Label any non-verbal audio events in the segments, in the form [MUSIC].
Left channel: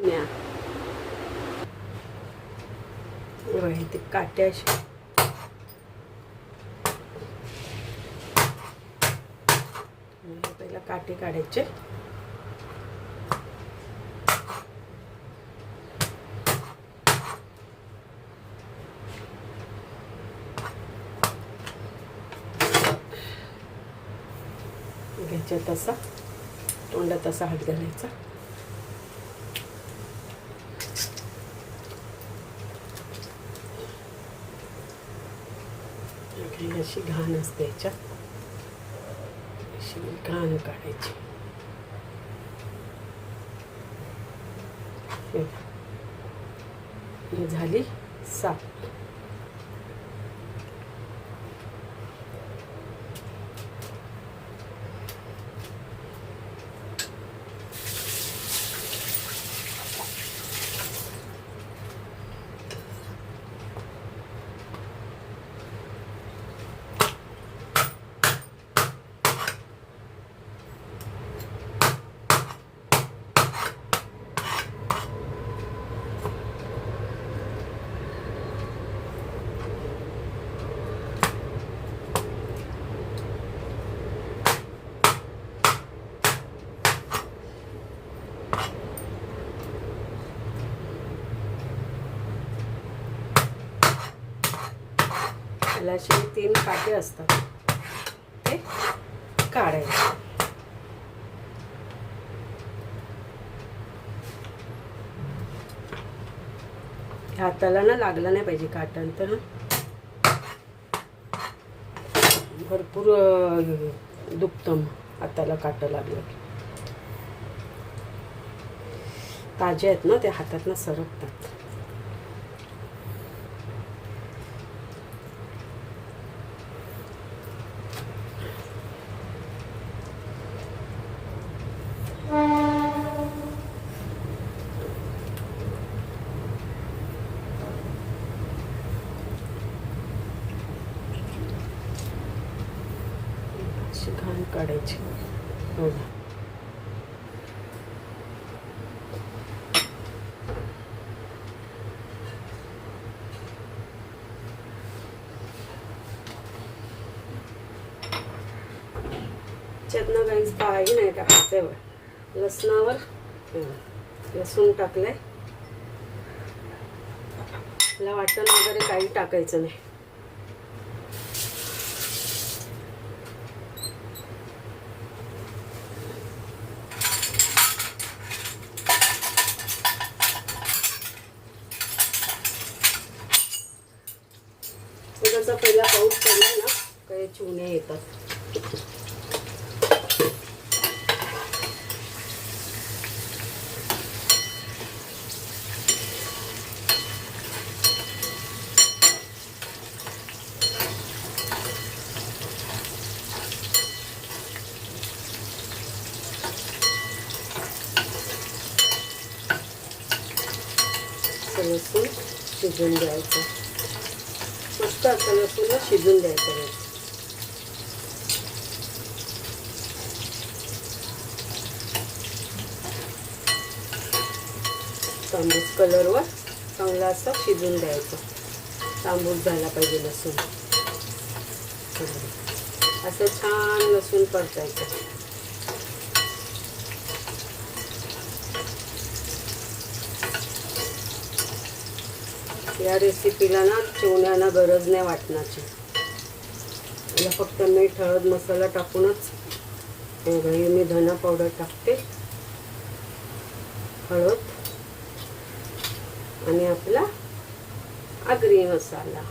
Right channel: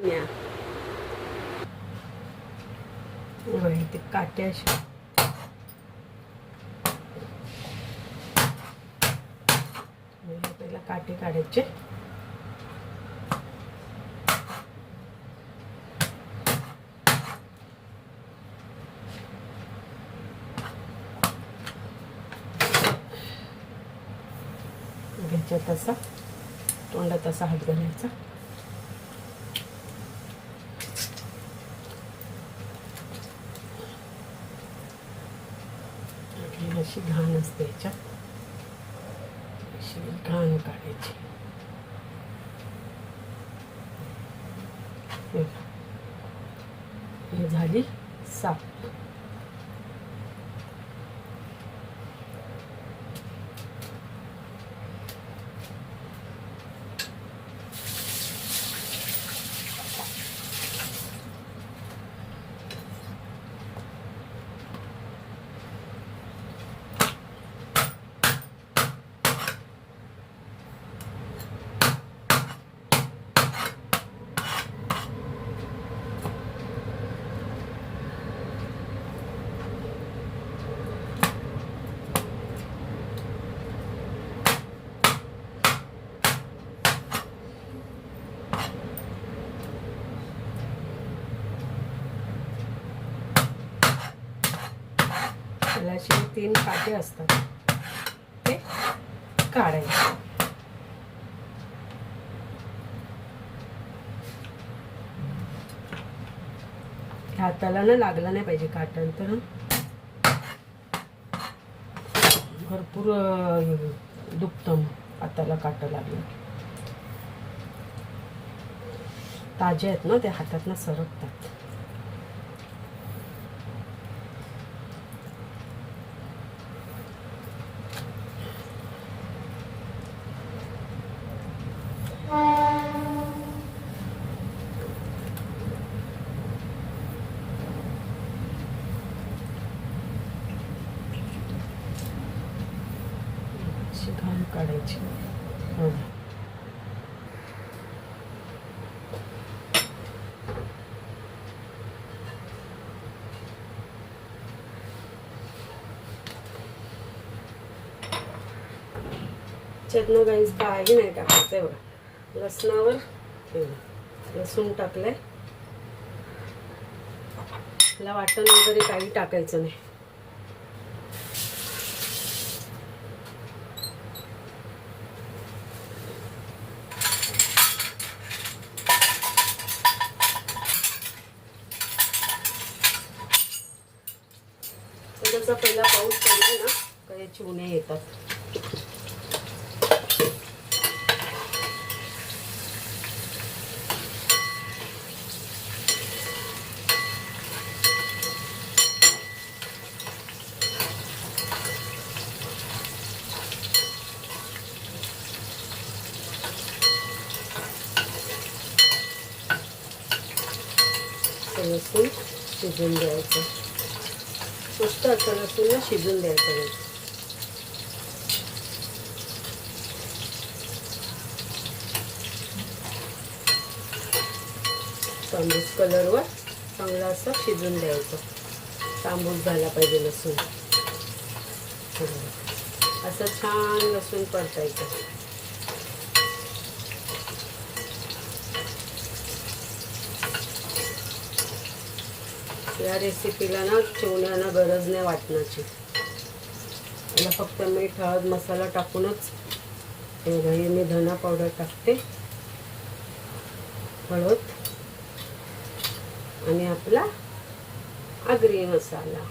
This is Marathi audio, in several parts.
न्या. ते काट्याशी पहिला काटे काढायचे. घ्यायचे तसा तोंडात असा हात घालायचा. आणि अशी घाण असते याच्यात. अशी घाण काढायची. झाली साफ त्याला असे तीन काटे असतात. ते काढायचे. हाताला ना लागलं नाही पाहिजे काटांतर भरपूर अं, हाताला काटं लागलं ताजे आहेत ना ते हातातनं सरकतात. घाम काढायची. हो ना. त्यातनं काही नाही टाकायचं आहे लसणावर हो, लसूण टाकलंय. त्याला वाटण वगैरे काही टाकायचं नाही. तो पहिला पाऊस पडला ना काही चिवणे येतात. असं शिजून द्यायचं स्वस्त असं लसूण शिजून द्यायचं तांबूस कलरवर चांगला असा शिजून द्यायचं. तांबूस झाला पाहिजे लसूण. असं छान लसूण परतायचं. या रेसिपीला ना चिवण्याना गरज नाही वाटण्याची याला फक्त मीठ हळद मसाला टाकूनच हे मी धना पावडर टाकते. हळद आणि आपला आगरी मसाला.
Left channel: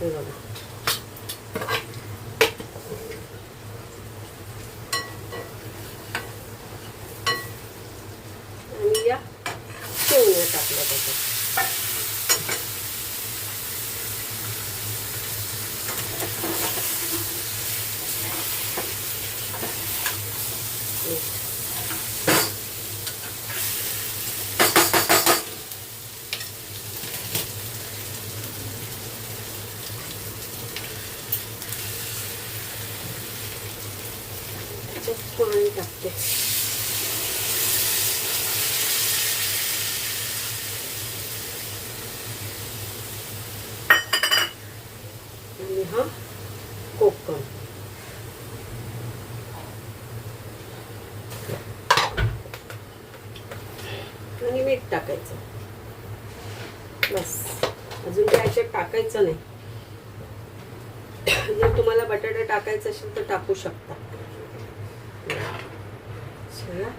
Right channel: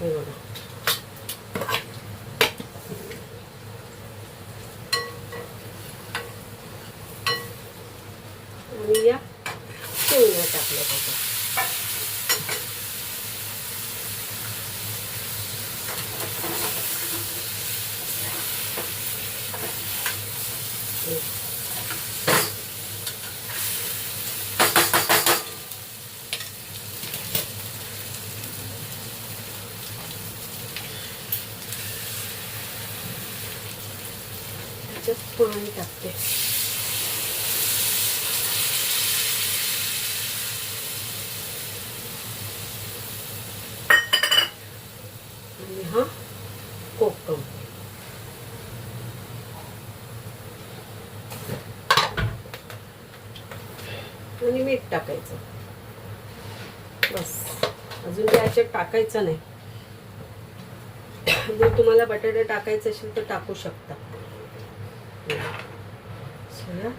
हे बघा. व्यवस्थित टाकते आणि हा आणि मीठ टाकायचं. बस. अजून टाकायचं नाही. [COUGHS] जर तुम्हाला बटाटा टाकायचं असेल तर टाकू शकता. 什么呀？